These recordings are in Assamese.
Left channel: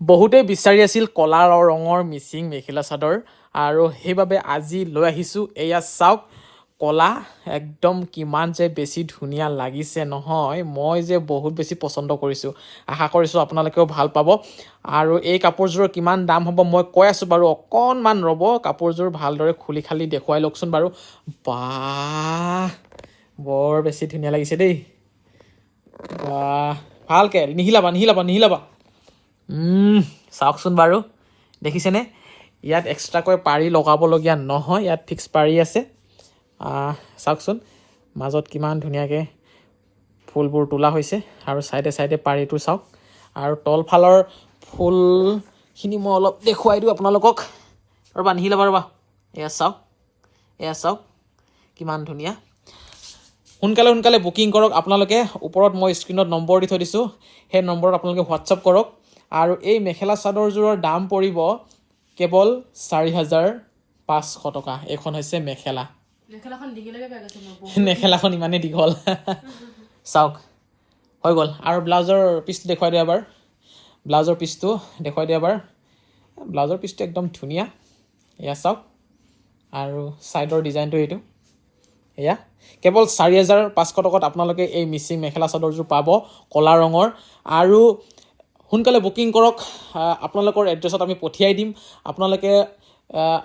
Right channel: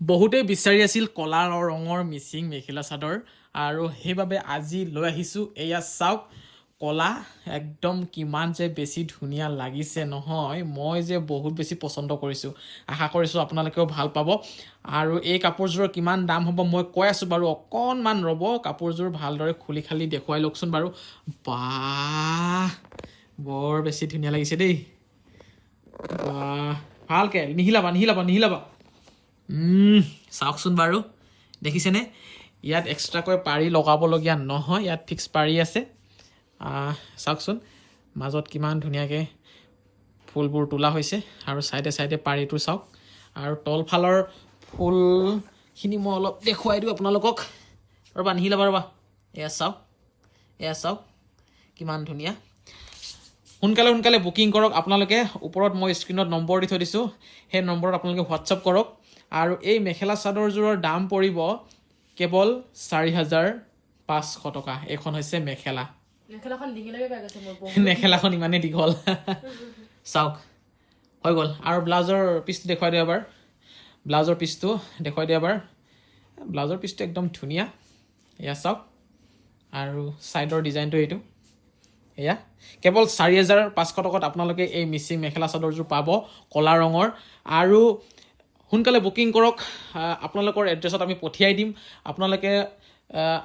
বহুতে বিচাৰি আছিল কলা ৰঙৰ মিচিং মেখেলা চাদৰ আৰু সেইবাবে আজি লৈ আহিছোঁ এয়া চাওক কলা একদম কিমান যে বেছি ধুনীয়া লাগিছে নহয় মই যে বহুত বেছি পচন্দ কৰিছোঁ আশা কৰিছোঁ আপোনালোকেও ভাল পাব আৰু এই কাপোৰযোৰৰ কিমান দাম হ'ব মই কৈ আছোঁ বাৰু অকণমান ৰ'ব কাপোৰযোৰ ভালদৰে খুলি খালি দেখুৱাই লওকচোন বাৰু বাহ বৰ বেছি ধুনীয়া লাগিছে দেই বাহ ভালকৈ নিহিলাবা চাওকচোন বাৰু দেখিছেনে ইয়াত এক্সট্ৰাকৈ পাৰি লগাবলগীয়া নহয় ইয়াত ফিক্স পাৰি আছে চাওকচোন মাজত কিমান ধুনীয়াকৈ ফুলবোৰ তোলা হৈছে আৰু চাইডে চাইডে পাৰিটো চাওক আৰু তলফালৰ ফুলখিনি মই অলপ দেখুৱাই দিওঁ আপোনালোকক ৰ'বা ৰ'বা এয়া চাওক কিমান ধুনীয়া সোনকালে বুকিং কৰক আপোনালোকে ওপৰত মই স্ক্ৰীণত নম্বৰ দি থৈ দিছোঁ সেই নম্বৰত আপোনালোকে হোৱাটছআপ কৰক আৰু এই মেখেলা চাদৰযোৰৰ দাম পৰিব কেৱল 4,500 টকা এইখন হৈছে মেখেলাখন ইমানেই দীঘল চাওক হৈ গ'ল আৰু ব্লাউজৰ পিচটো দেখুৱাই দিওঁ এবাৰ ব্লাউজৰ পিচটো একদম ধুনীয়া এয়া চাওক আৰু ছাইডৰ ডিজাইনটো এইটো এয়া কেৱল 4,500 টকাত আপোনালোকে এই মিচিং মেখেলা চাদৰযোৰ পাব কলা ৰঙৰ আৰু সোনকালে বুকিং কৰক আপোনালোকৰ এড্ৰেছত আমি পঠিয়াই দিম আপোনালোকে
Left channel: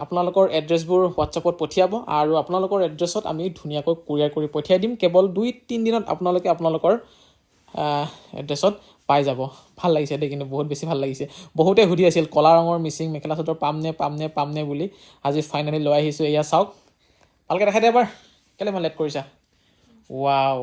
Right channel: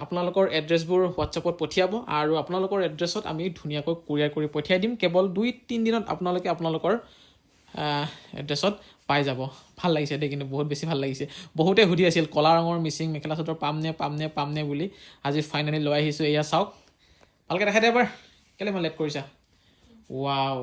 আপোনালোকৰ এড্ৰেছবোৰ হোৱাটছআপত পঠিয়াব আৰু আপোনালোকৰ এড্ৰেছত আমি ধুনীয়াকৈ কুৰিয়াৰ কৰি পঠিয়াই দিম কেৱল 2-3 দিনত আপোনালোকে আপোনালোকৰ এড্ৰেছত পাই যাব ভাল লাগিছে দেই কিন্তু বহুত বেছি ভাল লাগিছে বহুতে সুধি আছিল কলা ৰঙৰ মিচিং মেখেলা চাদৰ পামনে বুলি আজি ফাইনেলি লৈ আহিছোঁ এয়া চাওক ভালকৈ দেখাই দে এবাৰ কেলৈ মই লেট কৰিছা ৱাও